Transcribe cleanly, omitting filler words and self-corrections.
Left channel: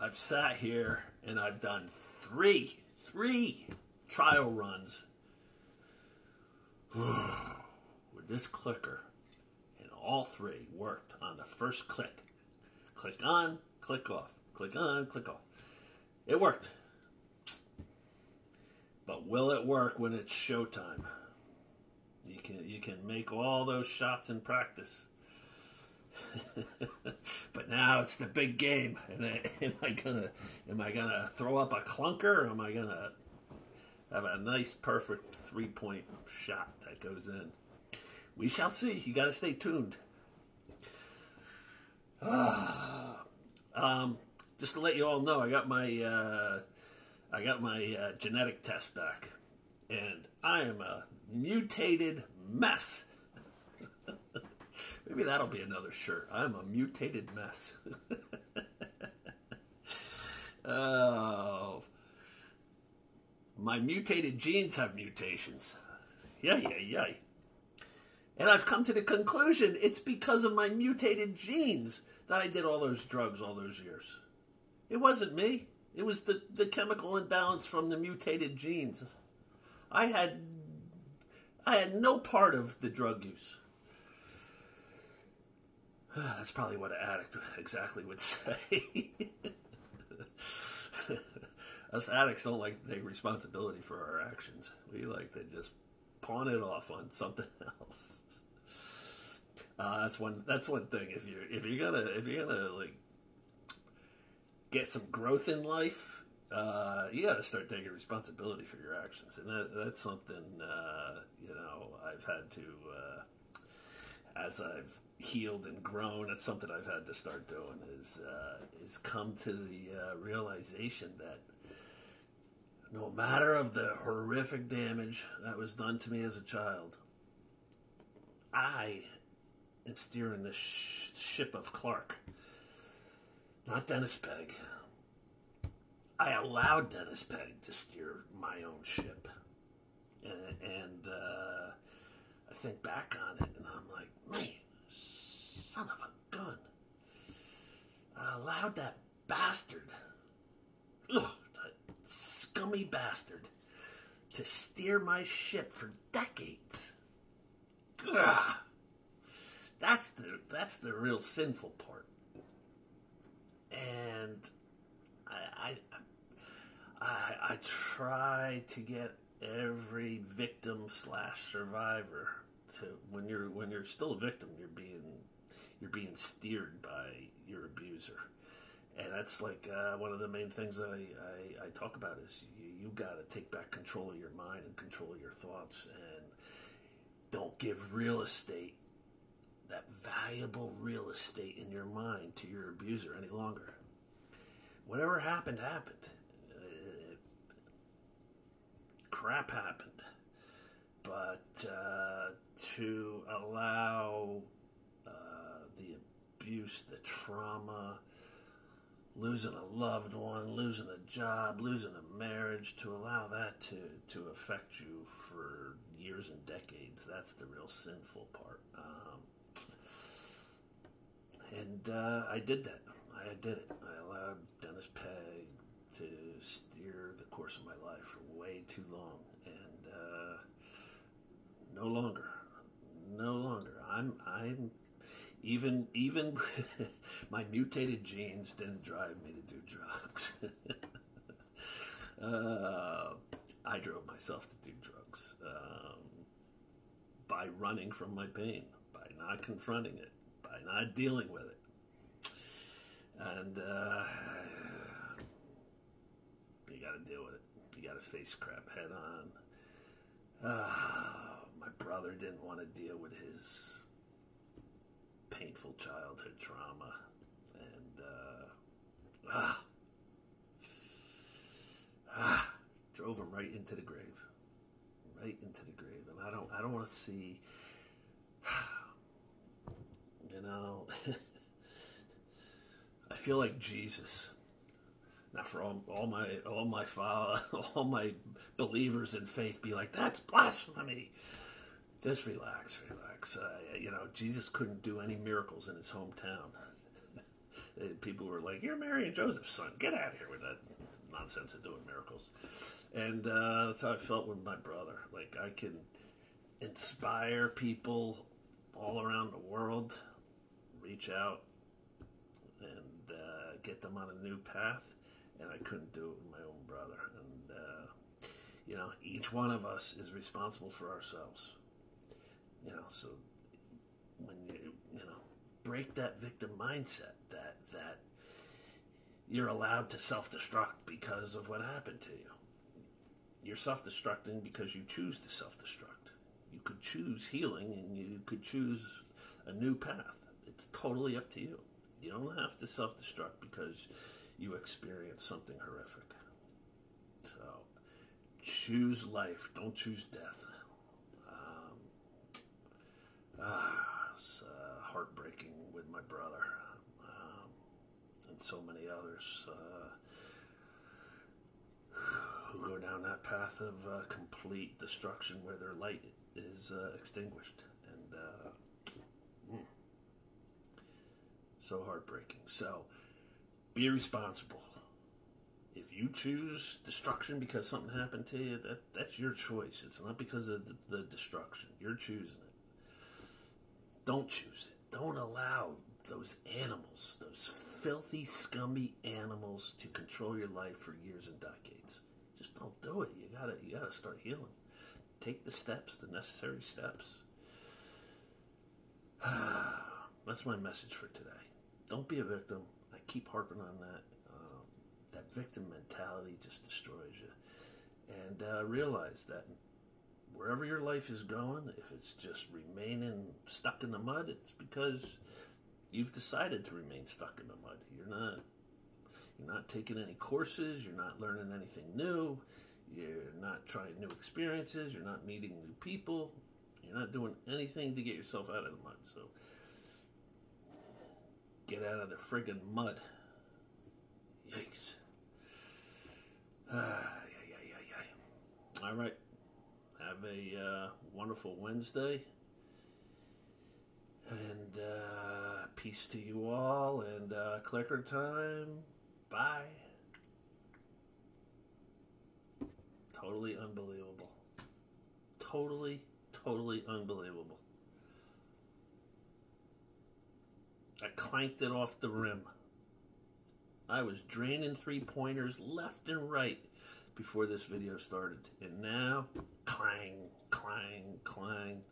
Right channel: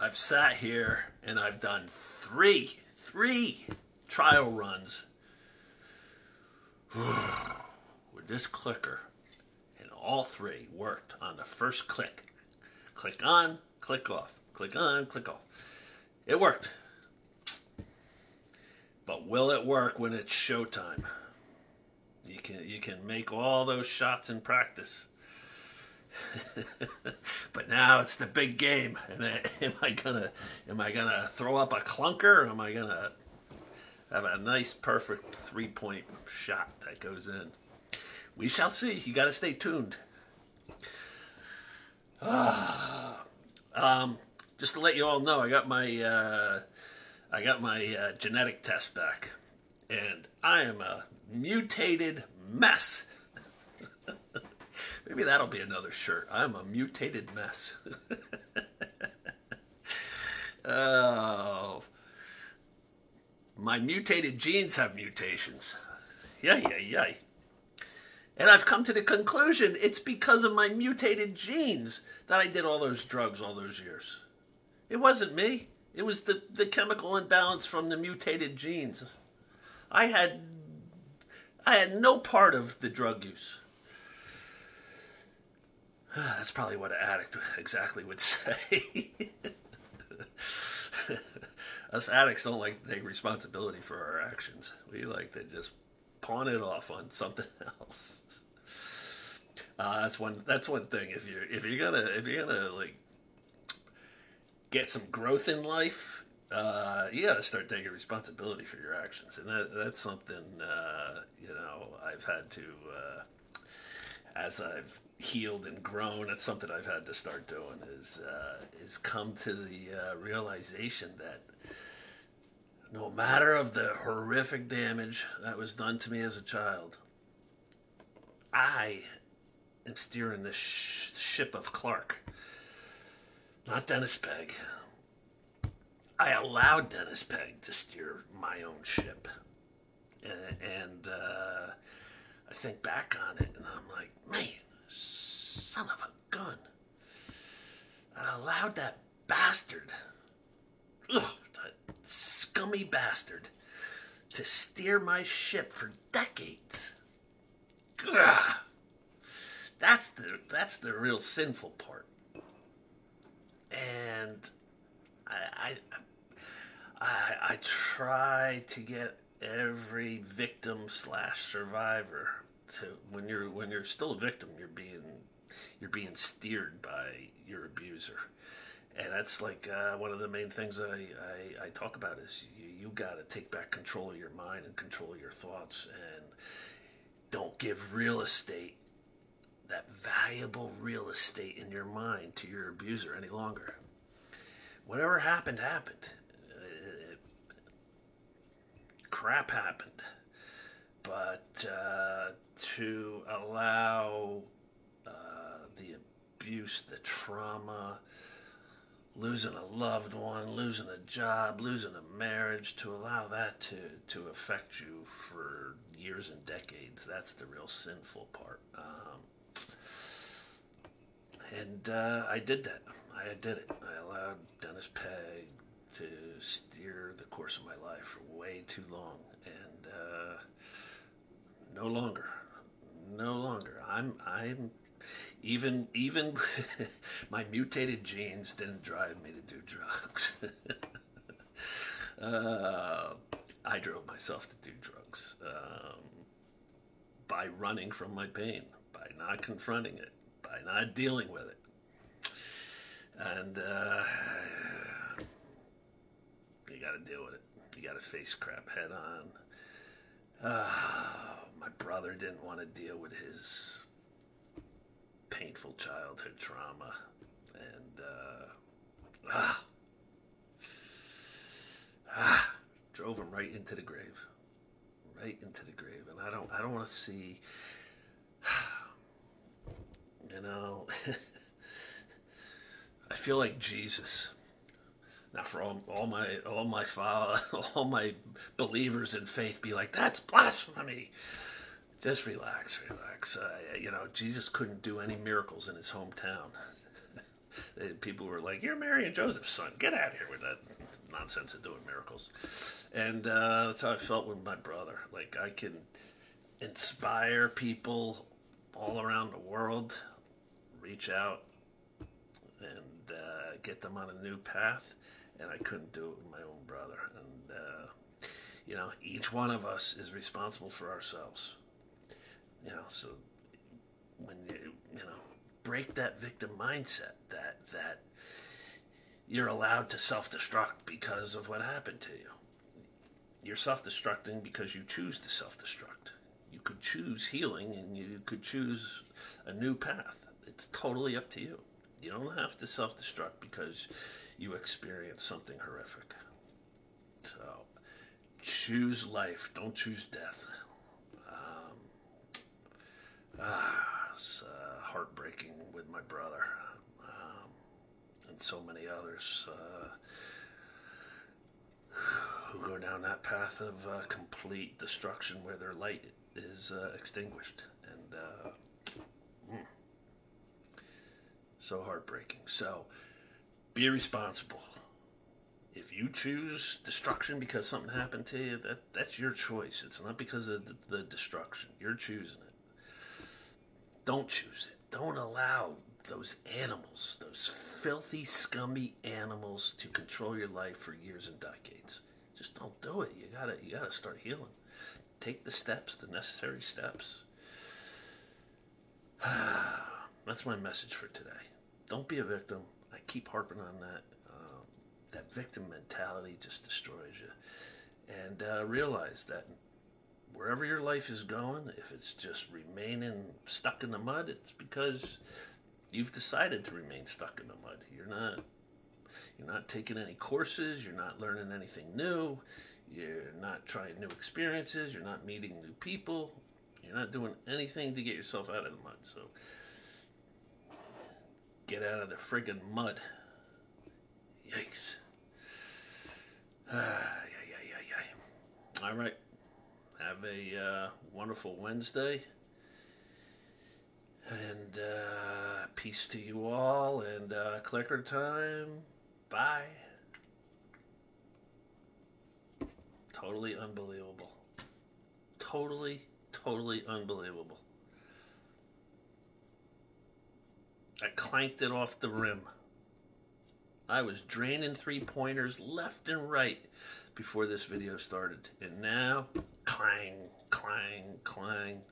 I've sat here and I've done three trial runs with this clicker, and all three worked on the first click. Click on, click off, click on, click off. It worked. But will it work when it's showtime? You can make all those shots in practice. But now it's the big game. And am I gonna throw up a clunker, or am I gonna have a nice, perfect 3-point shot that goes in? We shall see. You got to stay tuned. Just to let you all know, I got my genetic test back, and I am a mutated mess. Maybe that'll be another shirt. I'm a mutated mess. Oh, my mutated genes have mutations. Yay. And I've come to the conclusion it's because of my mutated genes that I did all those drugs all those years. It wasn't me. It was the chemical imbalance from the mutated genes. I had no part of the drug use. That's probably what an addict exactly would say. Us addicts don't like to take responsibility for our actions. We like to just pawn it off on something else. That's one thing. If you're gonna like get some growth in life, you got to start taking responsibility for your actions, and that's something I've had to, as I've healed and grown. It's something I've had to start doing. Is come to the realization that no matter of the horrific damage that was done to me as a child, I am steering the ship of Clark, not Dennis Pegg. I allowed Dennis Pegg to steer my own ship. And I think back on it, and I'm like, man, son of a gun. I allowed that bastard, that scummy bastard, to steer my ship for decades. Ugh. That's the real sinful part. And I try to get every victim / survivor to, when you're still a victim, you're being steered by your abuser, and that's like one of the main things I talk about is you got to take back control of your mind and control of your thoughts, and don't give real estate, that valuable real estate in your mind, to your abuser any longer. Whatever happened. Crap happened. But to allow the abuse, the trauma, losing a loved one, losing a job, losing a marriage, to allow that to affect you for years and decades, that's the real sinful part. And I did that. I did it. I allowed Dennis Pegg to steer the course of my life for way too long, and no longer. I'm even my mutated genes didn't drive me to do drugs. I drove myself to do drugs by running from my pain, by not confronting it, by not dealing with it. And you got to deal with it. You got to face crap head on. My brother didn't want to deal with his painful childhood trauma, and drove him right into the grave. And I don't want to see, I feel like Jesus. Now, for all my believers in faith, be like, that's blasphemy. Just relax. Jesus couldn't do any miracles in his hometown. People were like, "You're Mary and Joseph's son. Get out of here with that nonsense of doing miracles." And that's how I felt with my brother. Like, I can inspire people all around the world, reach out and get them on a new path, and I couldn't do it with my own brother. And each one of us is responsible for ourselves. So when you break that victim mindset that you're allowed to self-destruct because of what happened to you. You're self-destructing because you choose to self-destruct. You could choose healing, and you could choose a new path. It's totally up to you. You don't have to self-destruct because you experience something horrific. So choose life. Don't choose death. It's heartbreaking with my brother and so many others who go down that path of complete destruction where their light is extinguished. And so heartbreaking. So be responsible. If you choose destruction because something happened to you, that's your choice. It's not because of the destruction. You're choosing it. Don't choose it. Don't allow those animals, those filthy, scummy animals, to control your life for years and decades. Just don't do it. You gotta start healing. Take the steps, the necessary steps. That's my message for today. Don't be a victim. I keep harping on that. That victim mentality just destroys you. And realize that wherever your life is going, if it's just remaining stuck in the mud, it's because you've decided to remain stuck in the mud. You're not taking any courses. You're not learning anything new. You're not trying new experiences. You're not meeting new people. You're not doing anything to get yourself out of the mud. So get out of the friggin' mud. Yikes. All right. Have a wonderful Wednesday. And peace to you all. And clicker time. Bye. Totally unbelievable. Totally unbelievable. I clanked it off the rim. I was draining three-pointers left and right before this video started. And now, clang, clang, clang.